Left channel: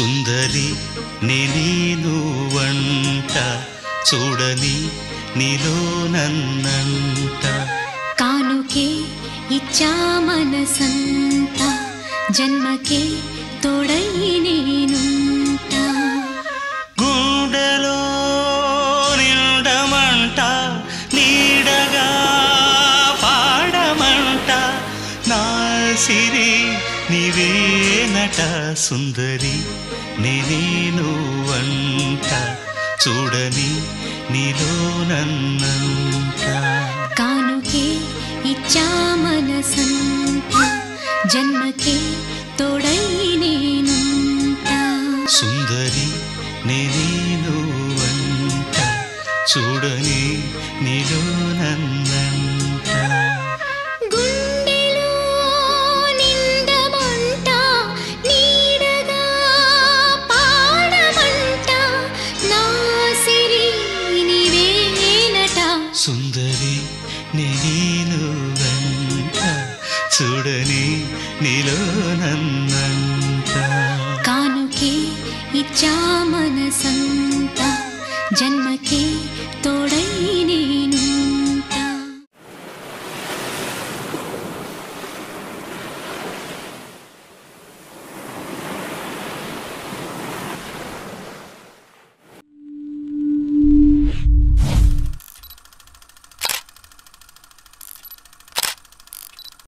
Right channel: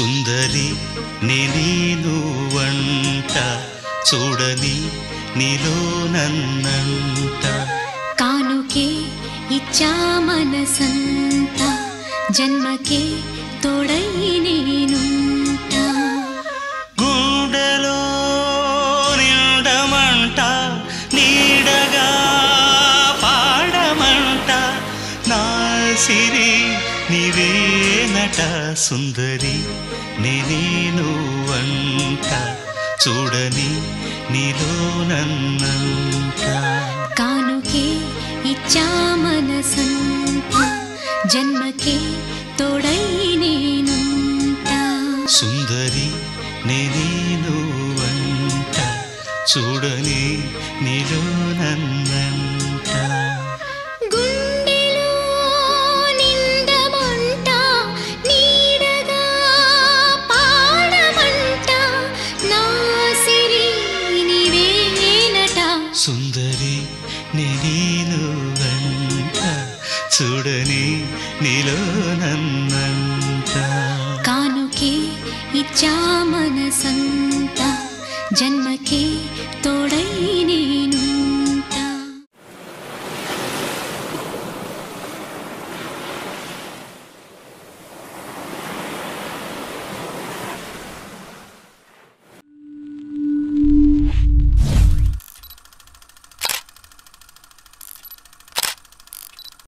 సుందరి నేను వంట చూడని నీలో నన్నంట కానుకే ఇచ్చా మనసంత జన్మకే తోడై నేనుంట గుండెలో నిండమంట నీడగా పాడమంట నా సిరి నీవేనట సుందరి నేను వంట చూడని నీలో నన్నంత కానుకే ఇచ్చా మనసంత జన్మకే తోడై నేనుంట సుందరి నేను వంట చూడని నీలో నన్నంట గుండెలో నిండమంట నీడగా పాడమంట నా సిరి నీవేనట సుందరి నేను వంట చూడని నీలో నన్నంట కానుకే ఇచ్చా మనసంత జన్మకే తోడై